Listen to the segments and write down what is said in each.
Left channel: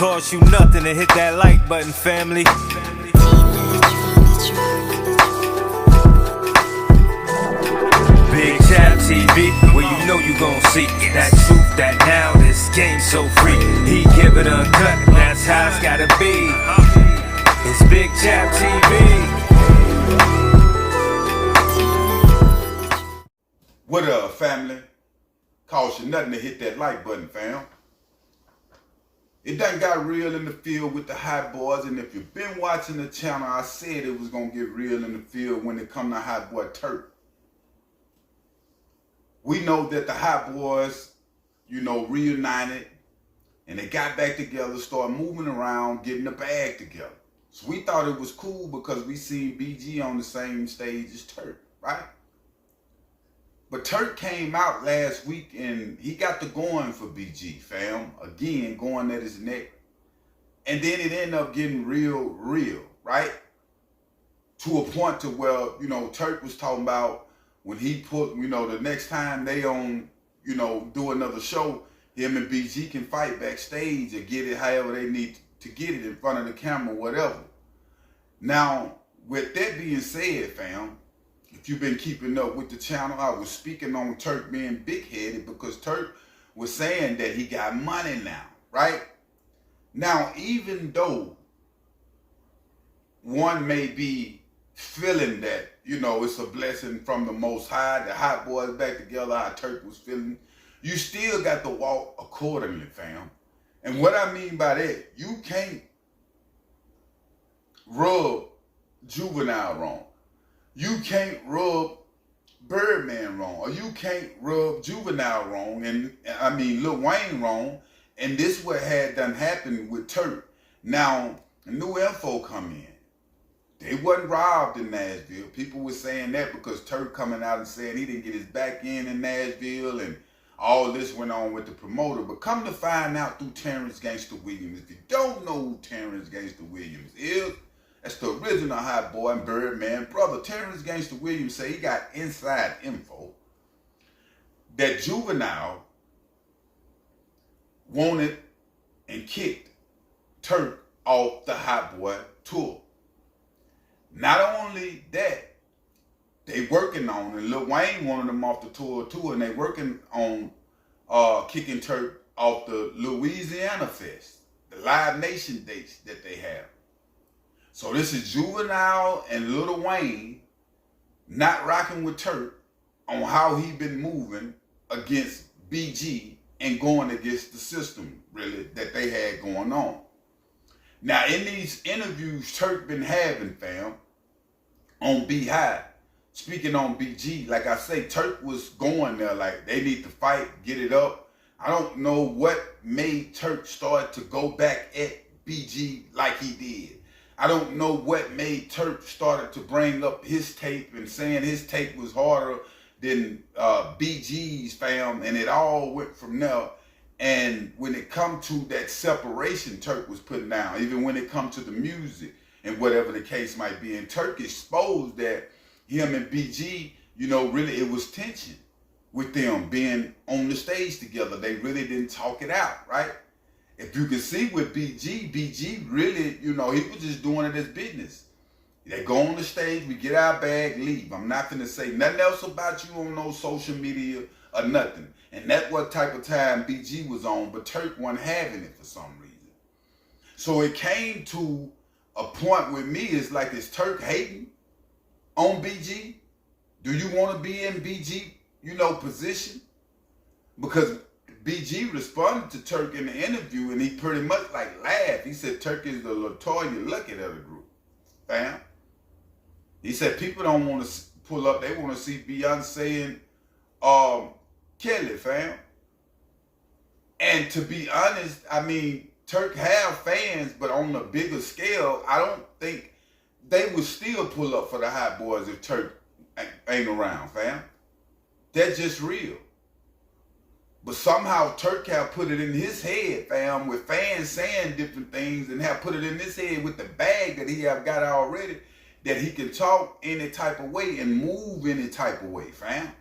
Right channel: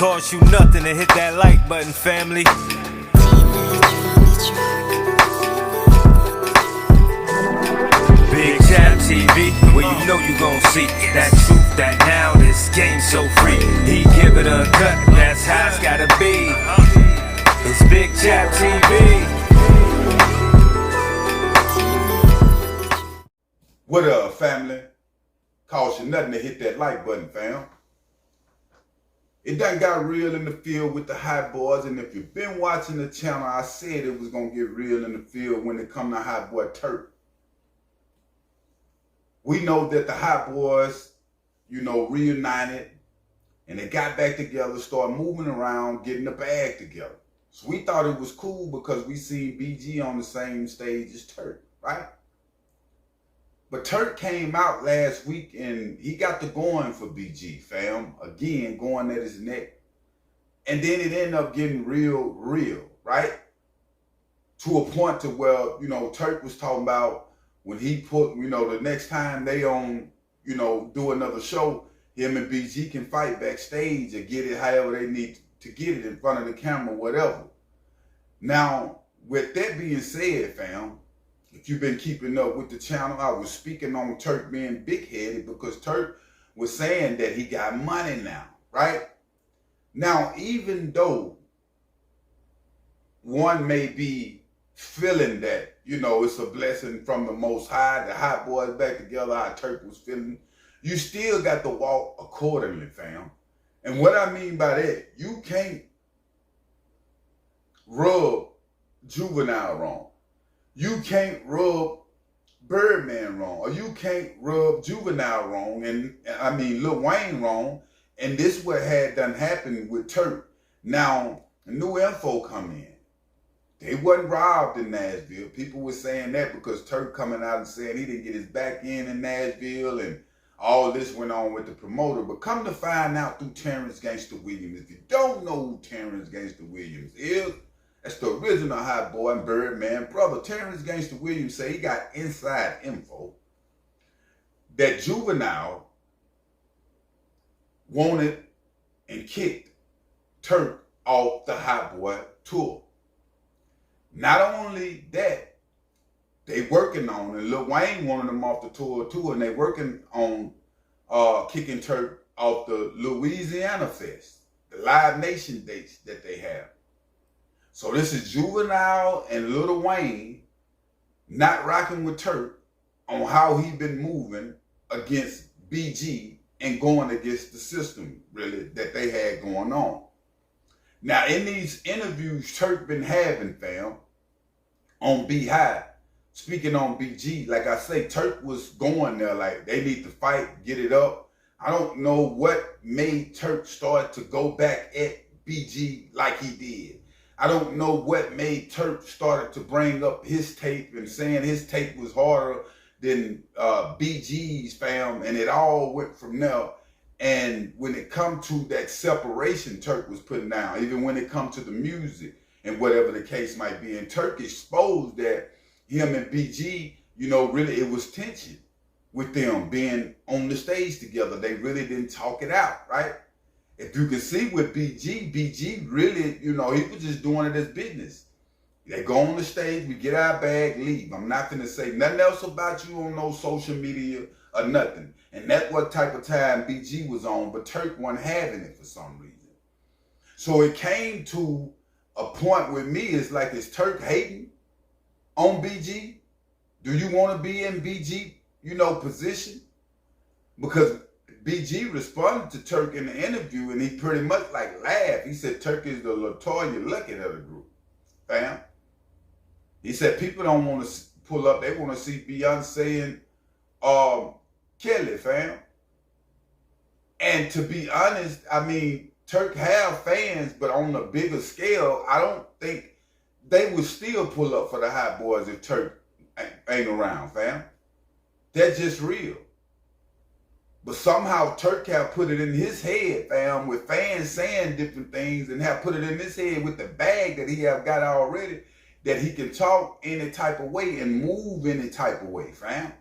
Cost you nothing to hit that like button, family. Big Chap TV, where you know you gon' see that truth, that now this game so free. He give it a cut, that's how it's gotta be. It's Big Chap TV. What up, family? Cost you nothing to hit that like button, fam. It done got real in the field with the Hotboys, and if you've been watching the channel, I said it was gonna get real in the field when it come to Hotboy Turk. We know that the Hotboys, reunited, and they got back together, started moving around, getting the bag together. So we thought it was cool because we seen BG on the same stage as Turk, right? But Turk came out last week and he got the going for BG, fam. Again, going at his neck. And then it ended up getting real, right? To a point to where, Turk was talking about when he put, the next time they do another show, him and BG can fight backstage or get it however they need to get it in front of the camera, whatever. Now, with that being said, fam, if you've been keeping up with the channel, I was speaking on Turk being big-headed because Turk was saying that he got money now, right? Now, even though one may be feeling that, it's a blessing from the Most High, the Hotboys back together, how Turk was feeling, you still got to walk accordingly, fam. And what I mean by that, you can't rub Juvenile wrong. You can't rub Birdman wrong, or you can't rub Juvenile wrong, and Lil Wayne wrong, and this what had done happened with Turk. Now, new info come in. They wasn't robbed in Nashville. People were saying that because Turk coming out and saying he didn't get his back end in Nashville, and all this went on with the promoter. But come to find out through Terrence Gangsta Williams, if you don't know who Terrence Gangsta Williams is, that's the original Hotboy and Birdman brother. Terrence Gangsta Williams say he got inside info that Juvenile wanted and kicked Turk off the Hotboy tour. Not only that, they working on, and Lil Wayne wanted them off the tour too, and they working on kicking Turk off the Louisiana Fest, the Live Nation dates that they have. So this is Juvenile and Lil Wayne not rocking with Turk on how he been moving against BG and going against the system, really, that they had going on. Now, in these interviews Turk been having, fam, on B-High, speaking on BG, like I say, Turk was going there like they need to fight, get it up. I don't know what made Turk start to go back at BG like he did. I don't know what made Turk started to bring up his tape and saying his tape was harder than BG's, fam, and it all went from there. And when it come to that separation Turk was putting down, even when it come to the music and whatever the case might be, and Turk exposed that him and BG, really it was tension with them being on the stage together. They really didn't talk it out, right? If you can see with BG really, he was just doing it as business. They go on the stage, we get our bag, leave. I'm not gonna say nothing else about you on no social media or nothing. And that's what type of time BG was on, but Turk wasn't having it for some reason. So it came to a point with me, it's like, is Turk hating on BG? Do you want to be in BG, position? Because BG responded to Turk in the interview, and he pretty much laughed. He said Turk is the LaToya Luckett of the group, fam. He said people don't want to pull up, they want to see Beyonce and Kelly, fam. And to be honest, Turk have fans, but on a bigger scale, I don't think they would still pull up for the Hotboys if Turk ain't around, fam. That's just real. But somehow Turk have put it in his head, fam, with fans saying different things, and have put it in his head with the bag that he have got already, that he can talk any type of way and move any type of way, fam.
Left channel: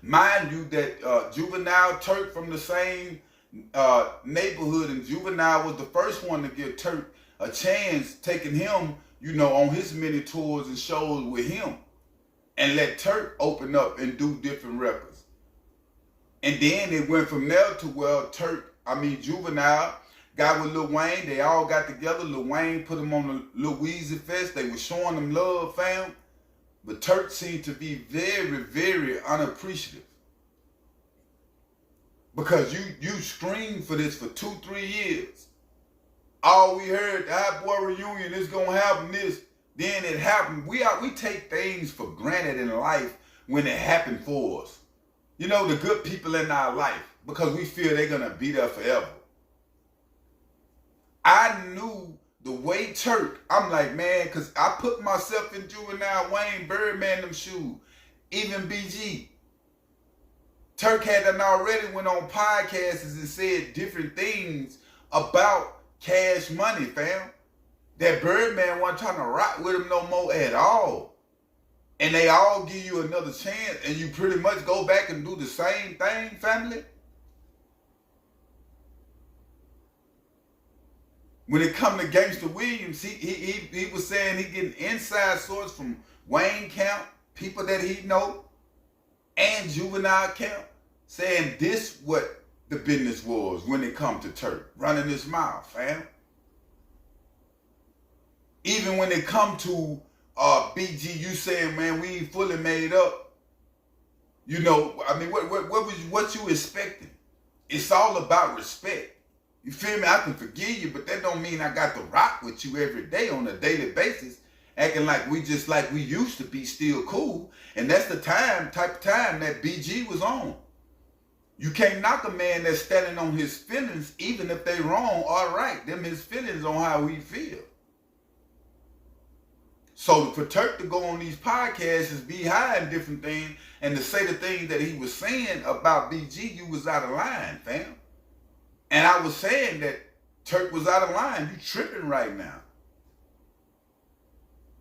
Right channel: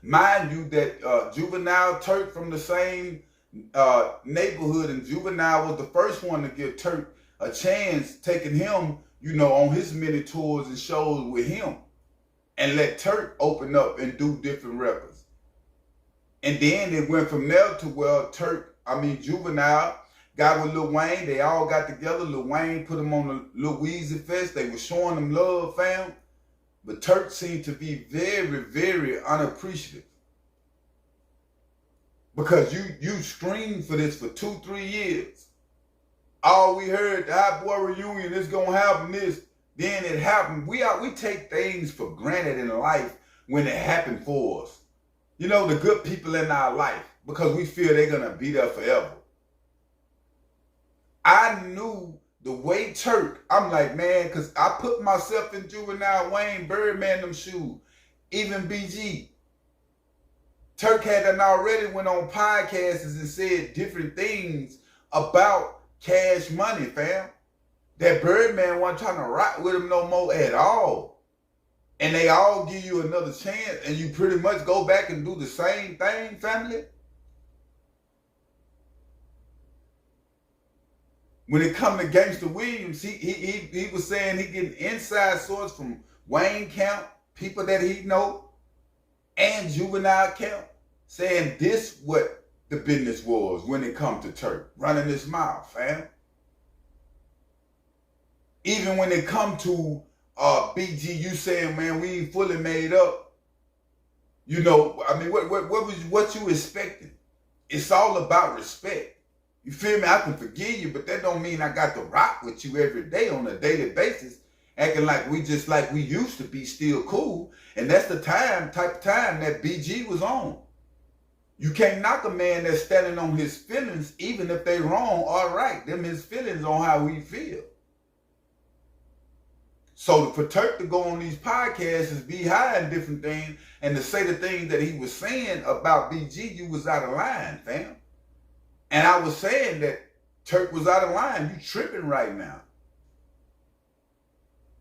Mind you that Juvenile, Turk from the same neighborhood, and Juvenile was the first one to give Turk a chance, taking him, on his many tours and shows with him, and let Turk open up and do different records. And then it went from there to where Juvenile got with Lil Wayne. They all got together. Lil Wayne put them on the Lil Weezy Fest. They were showing them love, fam. But Turk seemed to be very, very unappreciative. Because you screamed for this for 2-3 years. All we heard, the Hotboy reunion, is gonna happen this. Then it happened. We take things for granted in life when it happened for us. The good people in our life, because we feel they're gonna be there forever. I knew the way Turk, I'm like, man, because I put myself in Juvenile, Wayne, Birdman, them shoes, even BG. Turk had done already went on podcasts and said different things about Cash Money, fam. That Birdman wasn't trying to rock with him no more at all. And they all give you another chance, and you pretty much go back and do the same thing, family. When it come to Gangsta Williams, he was saying he getting inside source from Wayne camp, people that he know, and Juvenile camp, saying this what the business was when it come to Turk, running his mouth, fam. Even when it come to BG, you saying, man, we ain't fully made up. What you expecting? It's all about respect. You feel me? I can forgive you, but that don't mean I got to rock with you every day on a daily basis, acting like we used to be still cool. And that's the type of time that BG was on. You can't knock a man that's standing on his feelings, even if they wrong or right. Them his feelings on how he feel. So for Turk to go on these podcasts and be high and different things, and to say the things that he was saying about BG, you was out of line, fam. And I was saying that Turk was out of line. You tripping right now.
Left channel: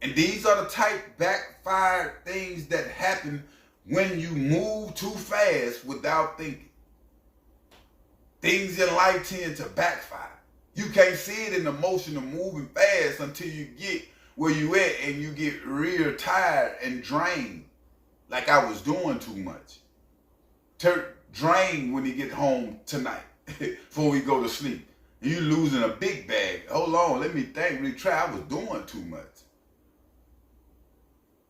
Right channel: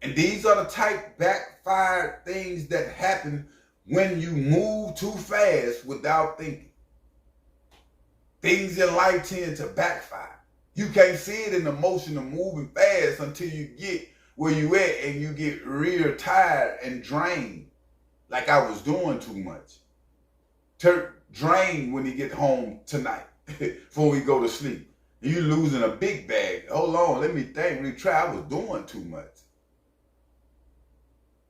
And these are the type backfired things that happen when you move too fast without thinking. Things in life tend to backfire. You can't see it in the motion of moving fast until you get where you at and you get real tired and drained, like I was doing too much. Turk drained when he get home tonight before we go to sleep. You losing a big bag. Hold on, let me think, retry. I was doing too much.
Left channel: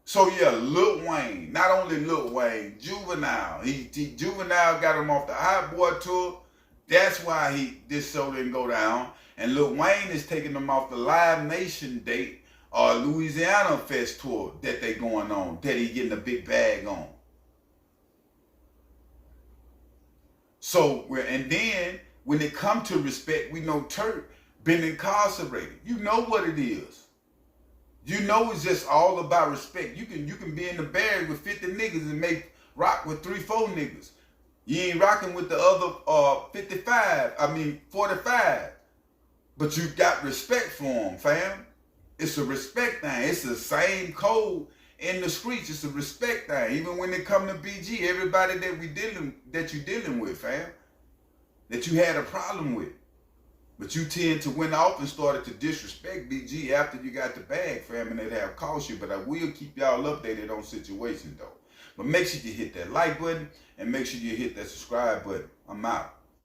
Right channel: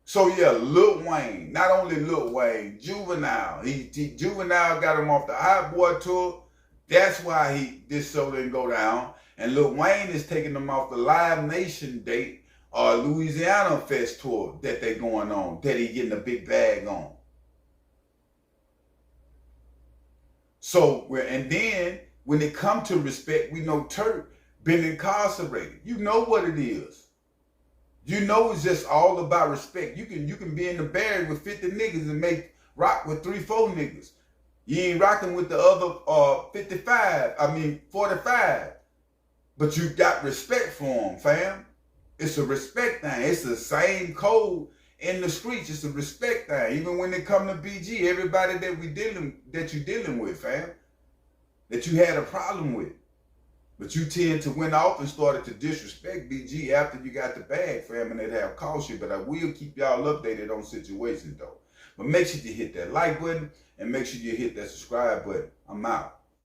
So yeah, Lil Wayne, not only Lil Wayne, Juvenile. Juvenile got him off the Hotboy tour. That's why this show didn't go down. And Lil Wayne is taking them off the Live Nation date or Louisiana Fest tour that they going on, that he getting a big bag on. So, and then when it come to respect, we know Turk been incarcerated. You know what it is. You know it's just all about respect. You can be in the barracks with 50 niggas and make rock with 3-4 niggas. You ain't rocking with the other 45. But you got respect for them, fam. It's a respect thing. It's the same code in the streets. It's a respect thing. Even when it come to BG, everybody that you dealing with, fam, that you had a problem with. But you tend to went off and started to disrespect BG after you got the bag, fam, and it have cost you. But I will keep y'all updated on situations, though. But make sure you hit that like button and make sure you hit that subscribe button. I'm out.